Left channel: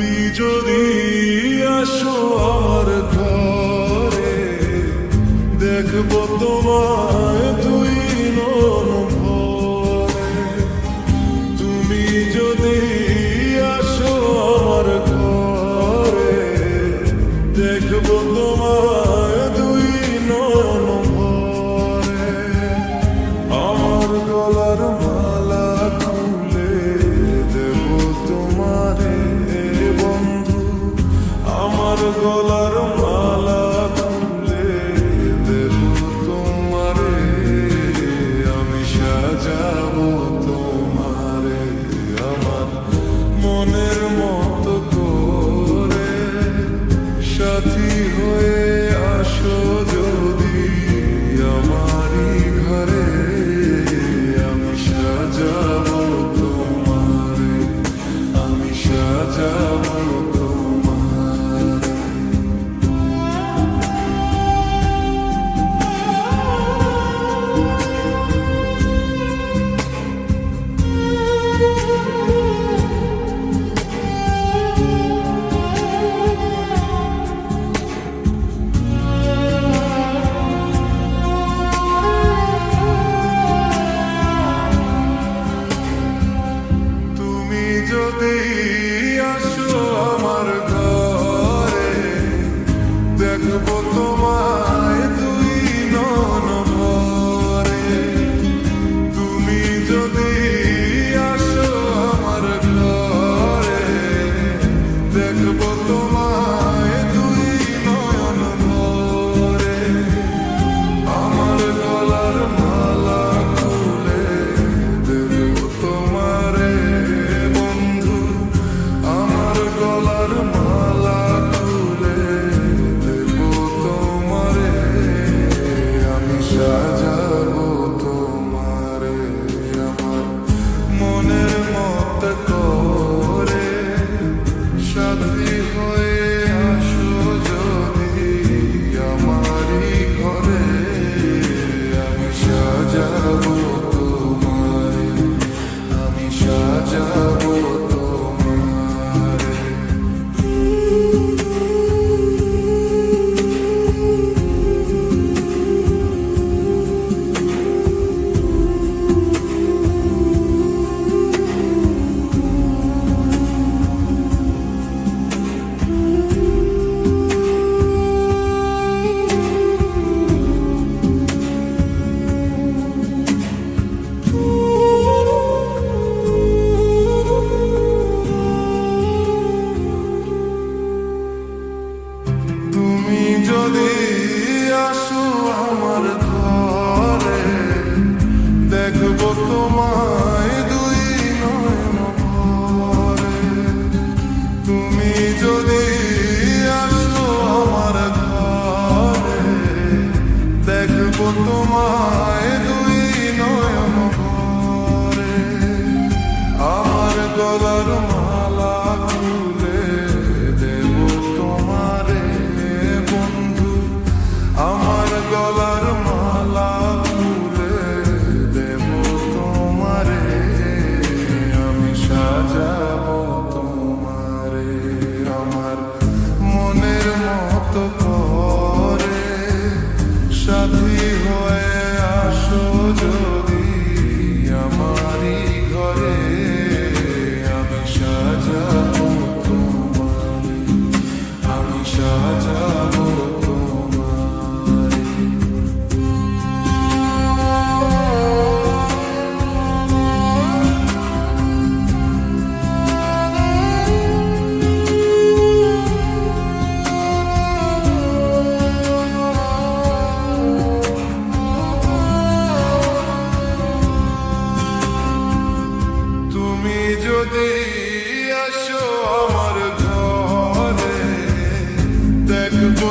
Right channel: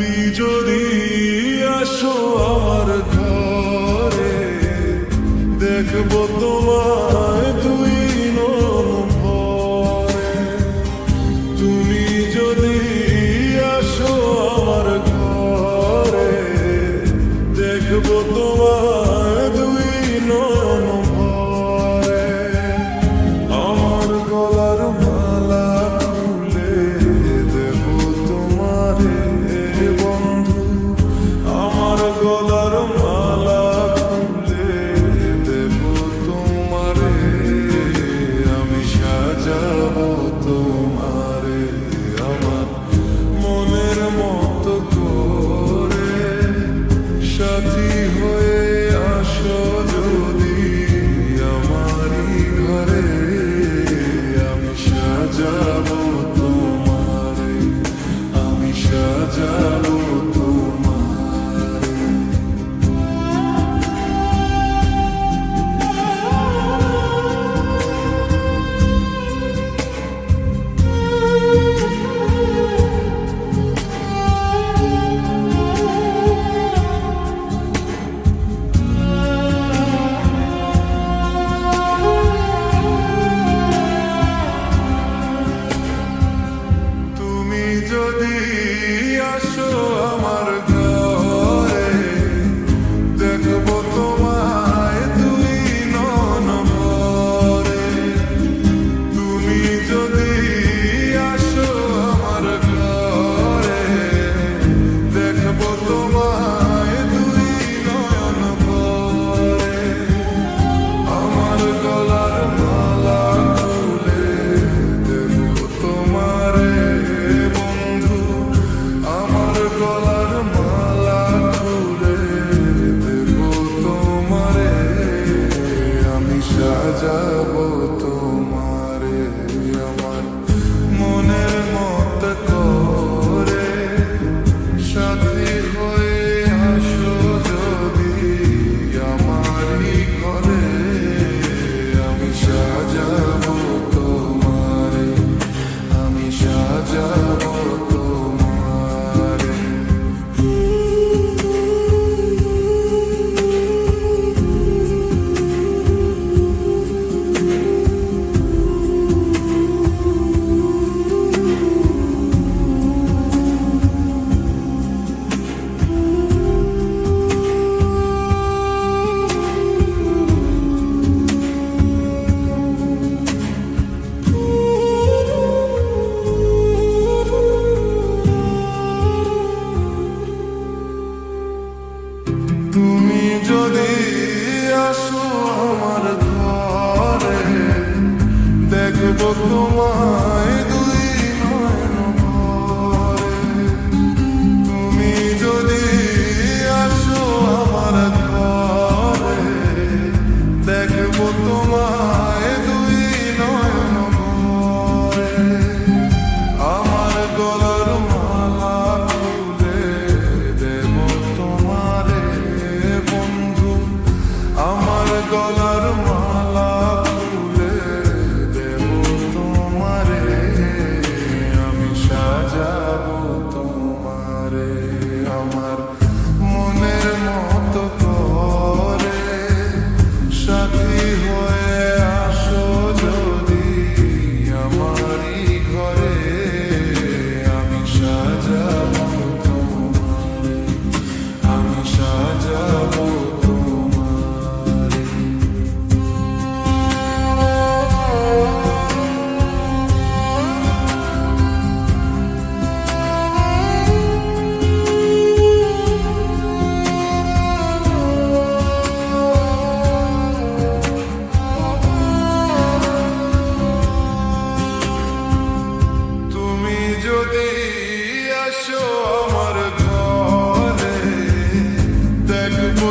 তুমি যদি আসো আমার ঘরে, দেখবো তোমায় দুই নয়ন ভরে। তুমি যদি আসো আমার ঘরে, দেখবো তোমায় দুই নয়ন ভরে। আমার গলার মালা খুলে দেব তোমারে বন্ধু, আমার গলার মালা খুলে দেব তোমারে। আমি সাজাবো তোমারে আমার মনের মতো করে। সাথী হয়ে আসো যদি আমারই ঘরে, আমি সাজাবো তোমারে, আমি সাজাবো তোমারে। তুমি যদি আসো আমার ঘরে, দেখবো তোমায় দুই নয়ন ভরে। তুমি যদি আসো আমার ঘরে, দেখবো তোমায় দুই নয়ন ভরে। আমার গলার মালা খুলে দেব তোমারে বন্ধু, আমার গলার মালা খুলে দেব তোমারে। আমি সাজাবো তোমারে আমার মনের মত করে। সাথী হয়ে আসো যদি আমারই ঘরে, আমি সাজাবো তোমারে, আমি সাজাবো তোমারে। তুমি যদি আসো আমার ঘরে, দেখবো তোমায় দুই নয়ন ভরে। তুমি যদি আসো আমার ঘরে, দেখবো তোমায় দুই নয়ন ভরে। আমার গলার মালা খুলে দেব তোমারে বন্ধু, আমার গলার মালা খুলে দেব তোমারে। আমি সাজাবো তোমারে আমার মনের মতো করে। সাথী হয়ে আসো যদি আমারই ঘরে, আমি সাজাবো তোমারে, আমি সাজাবো তোমারে। তুমি যদি আসো আমার ঘরে, দেখবো